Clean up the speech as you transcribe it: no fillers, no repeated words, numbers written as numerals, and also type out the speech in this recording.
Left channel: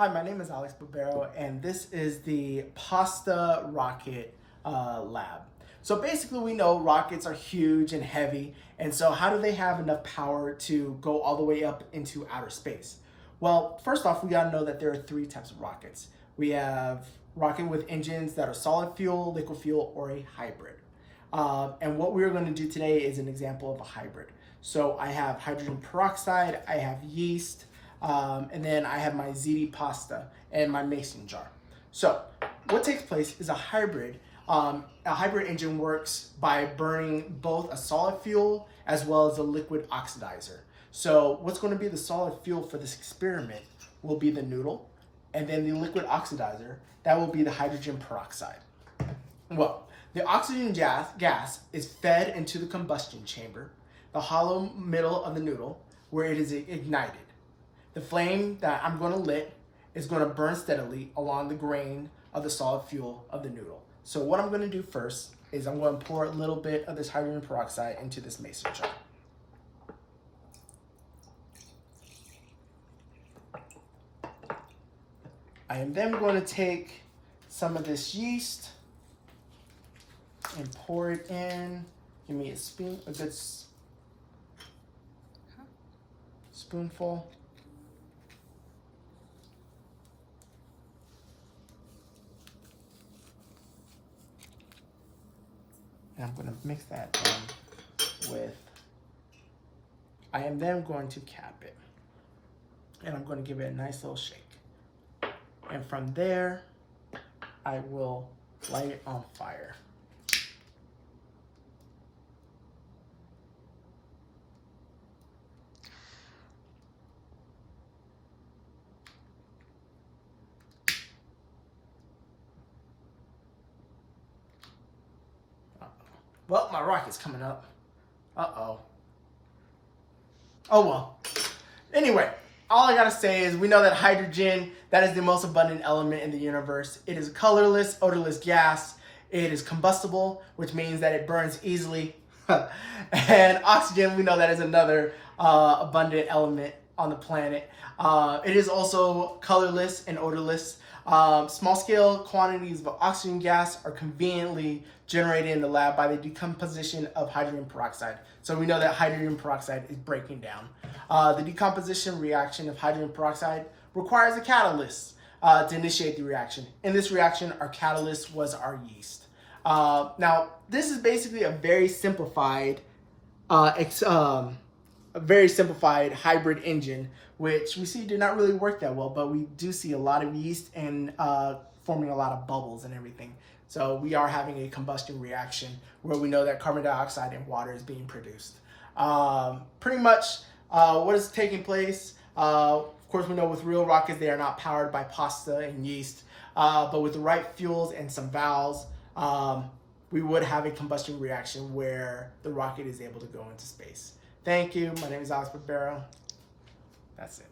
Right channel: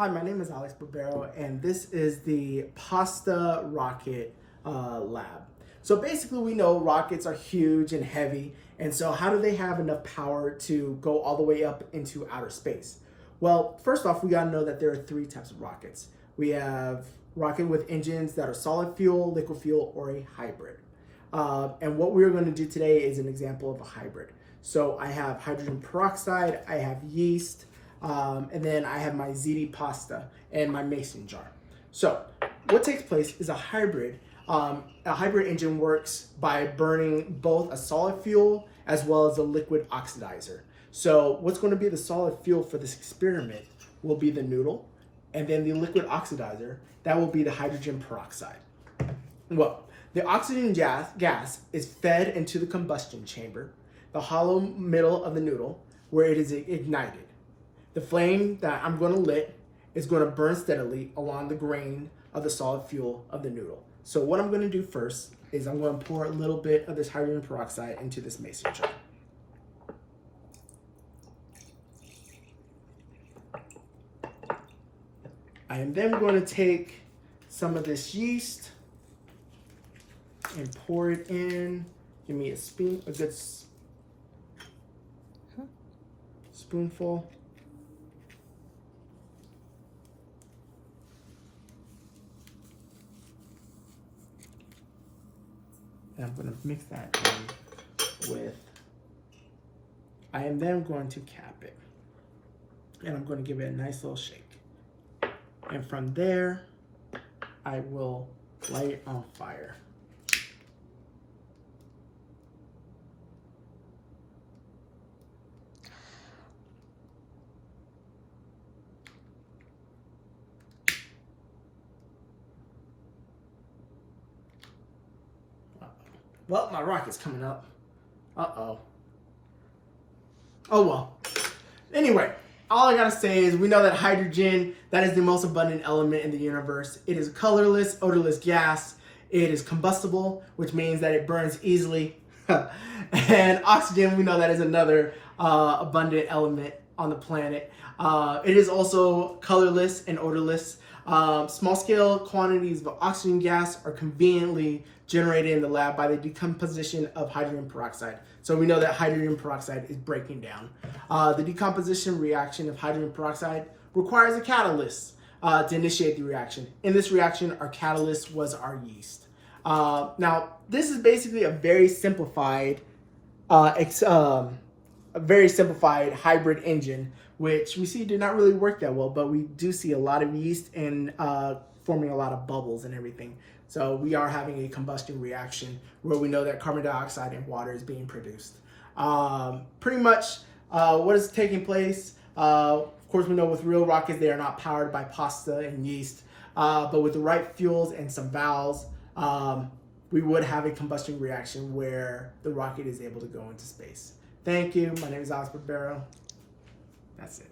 Hi, my name is Alex Barbero, and this is the Pasta Rocket Lab. So basically, we know rockets are huge and heavy, and so how do they have enough power to go all the way up into outer space? Well, first off, we gotta know that there are three types of rockets. We have rocket with engines that are solid fuel, liquid fuel, or a hybrid. And what we're going to do today is an example of a hybrid. So I have hydrogen peroxide, I have yeast, and then I have my ZD pasta and my mason jar. So what takes place is a hybrid. A hybrid engine works by burning both a solid fuel as well as a liquid oxidizer. So what's going to be the solid fuel for this experiment will be the noodle, and then the liquid oxidizer, that will be the hydrogen peroxide. Well, the oxygen gas is fed into the combustion chamber, the hollow middle of the noodle, where it is ignited. The flame that I'm going to lit is going to burn steadily along the grain of the solid fuel of the noodle. So what I'm going to do first is I'm going to pour a little bit of this hydrogen peroxide into this mason jar. I am then going to take some of this yeast and pour it in. Give me a good spoonful. And I'm going to mix that in with, I am then going to cap it. And I'm going to give it a nice little shake. And from there, I will light it on fire. Well, my rocket's coming up. Uh-oh. Oh well. Anyway, all I gotta say is we know that hydrogen, that is the most abundant element in the universe. It is a colorless, odorless gas. It is combustible, which means that it burns easily. And oxygen, we know that is another abundant element on the planet. It is also colorless and odorless. Small scale quantities of oxygen gas are conveniently generated in the lab by the decomposition of hydrogen peroxide. So we know that hydrogen peroxide is breaking down. The decomposition reaction of hydrogen peroxide requires a catalyst to initiate the reaction. In this reaction, our catalyst was our yeast. Now, this is basically a very simplified hybrid engine, which we see did not really work that well, but we do see a lot of yeast and forming a lot of bubbles and everything. So we are having a combustion reaction where we know that carbon dioxide and water is being produced. Pretty much what is taking place, of course we know with real rockets they are not powered by pasta and yeast, but with the right fuels and some valves, we would have a combustion reaction where the rocket is able to go into space. Thank you. My name is Alex Barbero. That's it.